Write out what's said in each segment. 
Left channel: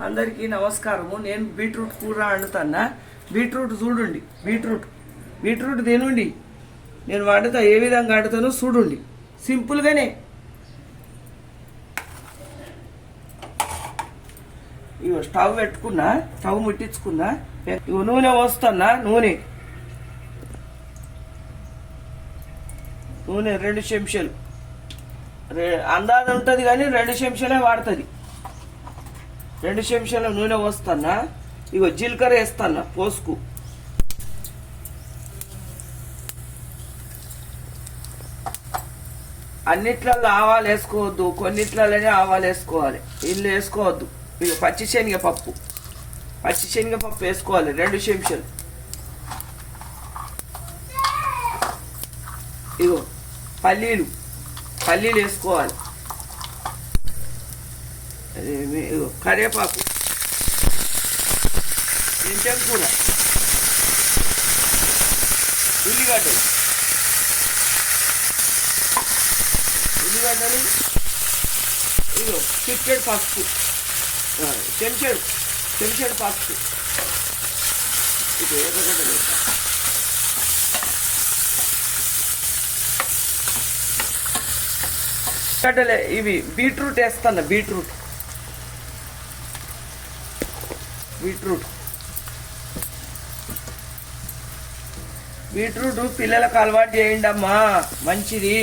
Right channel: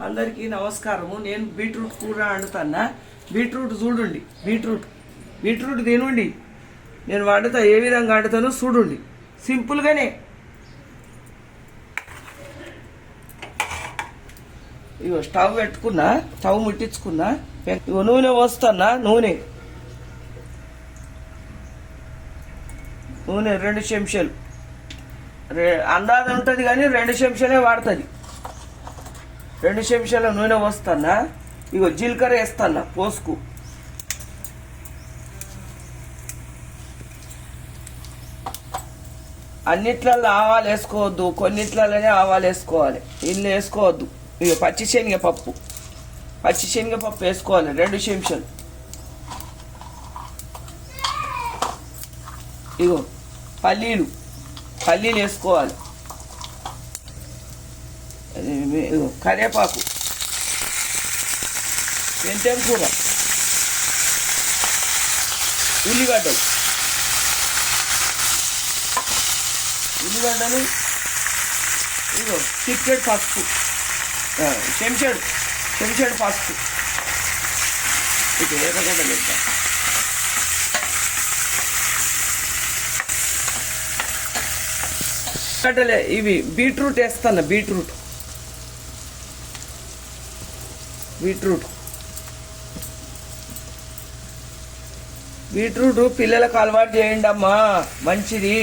అందరికీ నమస్కారము. నేను బీట్రూట్ కూర వండుతానా? బీట్రూట్ చూడండి బీట్రూట్. బీట్రూట్ తినండి. నేను వండుతా ఏ విధంగా వండుతానో చూడండి. సింపుల్గానే ఇగో స్టవ్ పెట్టుకున్నా స్టవ్ ముట్టించుకున్నా ఇగో నూనె పోస్తున్నా నూనె. నూనె రెండు చెంచాలు. రె- అందాజ ఉంటుంది కానీ రెండు చెంచాలే వాడుతుంది. రెండు చెంచాల నూనె పోస్తానా? ఇగో జీలకర్ర వేస్తానా పోసుకు. అన్నిట్లలో ఆవాలు వేసుకోవద్దు కొన్నిట్లలోనే ఆవాలు వేసుకోవాలి. ఇల్లు వేసుకోవద్దు. ఇగో పచ్చి శనగపప్పు పచ్చి శనగపప్పు వేసుకోవాలి రెండు చెంచాలు ఇగో పల్లీలు. పల్లీలు వేసుకోవాలి. కరివేపాకు. మెంతెం కూర ఉల్లిగడ్డలు. ఉల్లిగడ్డలు ఇదో చిట్టెడు పసుపు. చెంచెడు చెంచాడు చెంచాడు పసుపు. ఇక్కడ ఎర్రగడ్డలు ఇస్తా గడ్డలే ఇవి బీట్రూట్ వేస్తాను బీట్రూట్. బీట్రూట్. బీట్రూట్ పిల్లలకు అలవాటు చేయండి అమ్మా మంచిది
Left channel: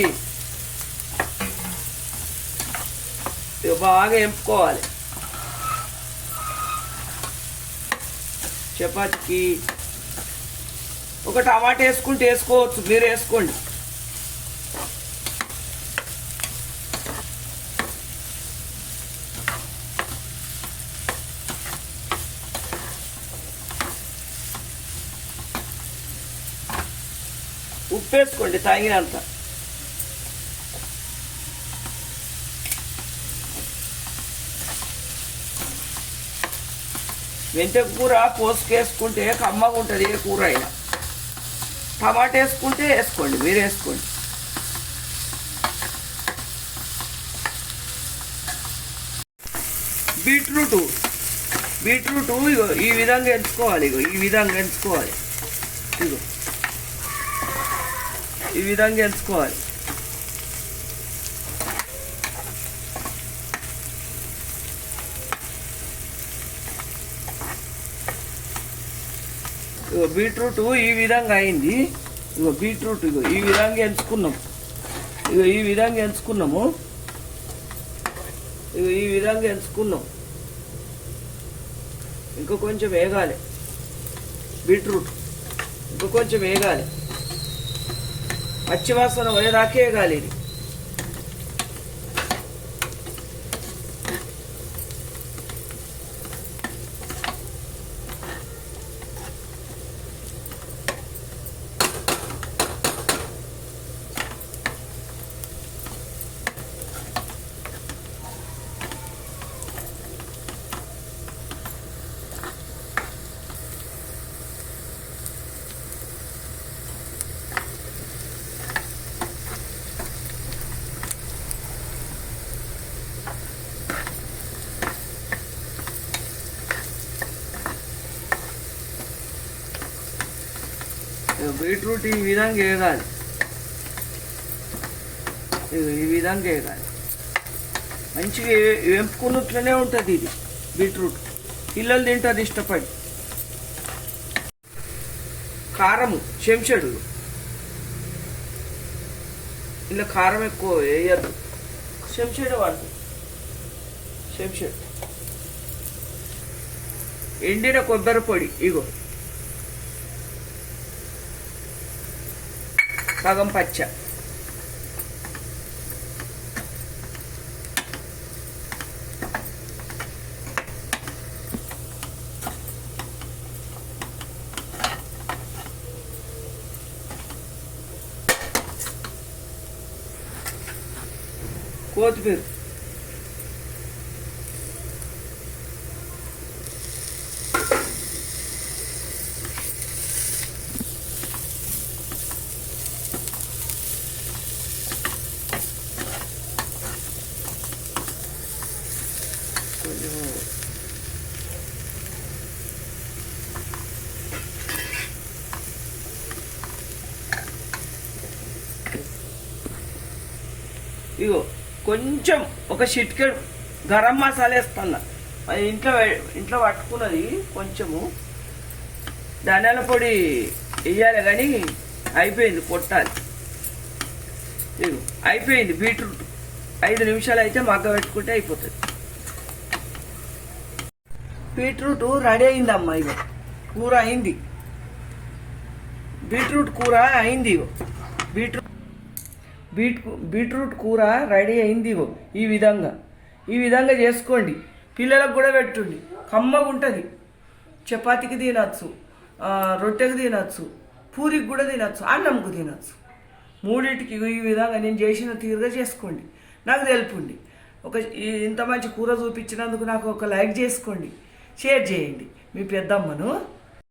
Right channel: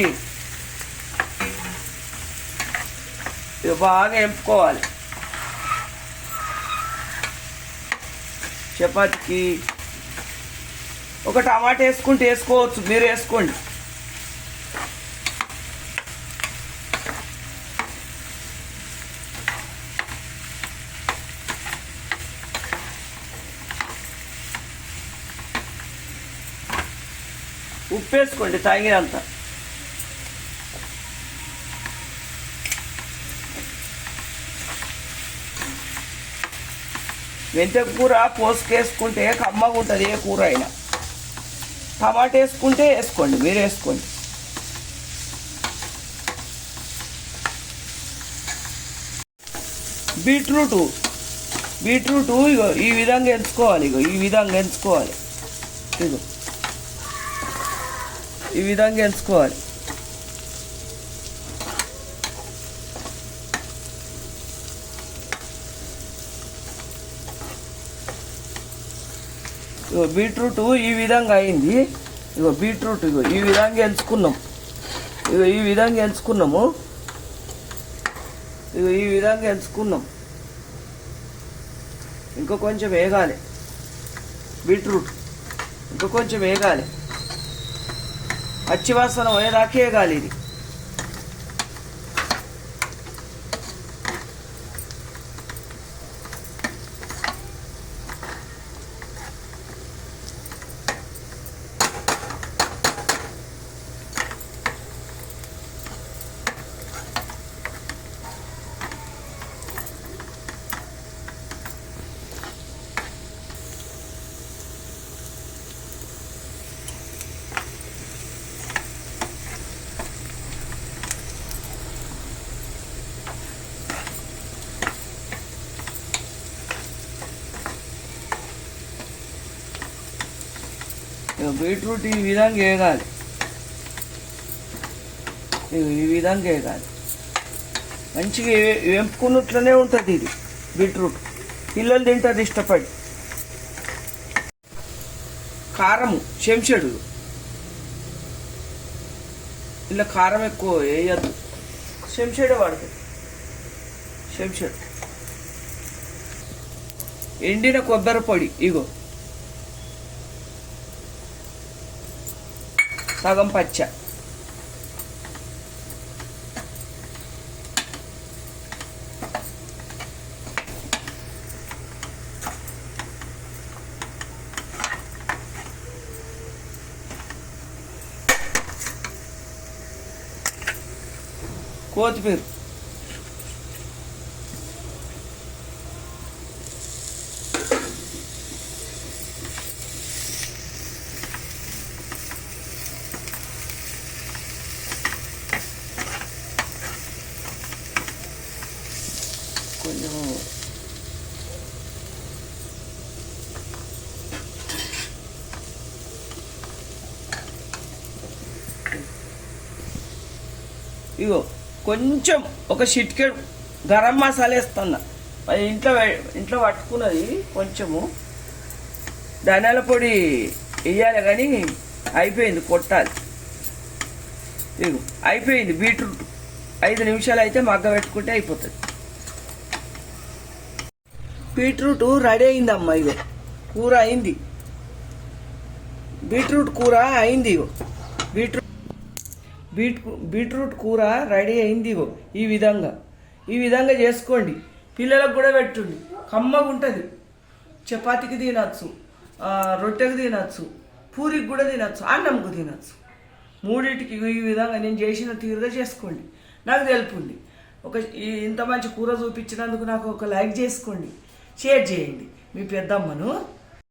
బాగా ఎంపుకోవాలి. చపాతీకి ఒక టమాటా వేసుకుంటే వేసుకోవచ్చు మీరు వేసుకోండి. ఉప్పు వేసుకోండి తాగినంత. మెంత కూర పోసుకేసుకుంటే కమ్మగా ఉంటుంది ఏ కూర అయినా. టమాటా వేసుకుంటే వేసుకోండి మీరు వేసుకోండి. బీట్రూటు బీట్రూటు ఇగో ఈ విధంగా ఎంచుకోవాలి ఇగో ఈ విధంగా ఎంచుకోవాలి. ఇగో. ఈ విధంగా ఎంచుకోవాలి. ఇగో బీట్రూట్ ఈ విధంగా అయింది. ఇగో బీట్రూట్ ఇగో ఈ విధంగా ఎంచుకున్నాం. ఇగో ఈ విధంగా ఎంచుకున్నాము. ఇగో ఈ విధంగా ఎంచుకున్నాం. ఇంకా కొంచెం వేగాలి. బీట్రూట్ ఇంకా కొంచెం వేగాలి. పచ్చివాసన పోయేదాకా వేగాలి బీట్రూట్ ఈ విధంగా వేగాలి. ఈ విధంగా వేగాలి. మంచిగా వెంపుకున్నట్లనే వేపుకున్నట్లనే ఉంటుంది ఇది బీట్రూట్. పిల్లలు తింటారు ఇష్టపడి. కారము చెంచడు. ఇలా కారం ఎక్కువ వేయద్దు. చెంచడే వాడుతుంది చెంచడు. ఎండిన కొబ్బరి పొడి ఇగో. Pagam pacha. Quanto, Pedro? ఇగో కొంచెం ఒక షిట్కెట్ గరం మసాలా వేస్తున్నా. అది ఇంట్లో ఇంట్లో పట్టుకున్నది కొంచెము. ధనియాల పొడి వేయాలి కానీ అయిపోయింది కొట్టాలి. ఇగో అయిపోయింది బీట్రూట్. ఐదు నిమిషాలు అయితే మగ్గ పెట్టుకుంటే అయిపోతుంది. బీట్రూట్ రెడీ అయిందమ్మా ఇగో కూర అయింది. బీట్రూట్ కూర అయింది ఇగో. బీట్రూట్ బీట్ బీట్రూట్ కూర రెడీ అయింది ఇగో ఈ విధంగా. ఈ విధంగా చేసుకోండి. పిల్లలకు కూడా పెట్టుండి. కమ్మగా ఉంటుంది. చపాతీకి తినచ్చు రొట్టెకి తినచ్చు పూరికి కూడా తినచ్చు అన్నంకు తినచ్చు. మూడింటికి ఈ విధంగా నేను చేసిన తీరుగా చేసుకోండి. నాకు తెలుపుండి. ఒక ఇంత మంచి కూర చూపించినందుకు నాకు ఒక లైక్ చేసుకోండి. షేర్ చేయండి. మీ పెద్దమ్మను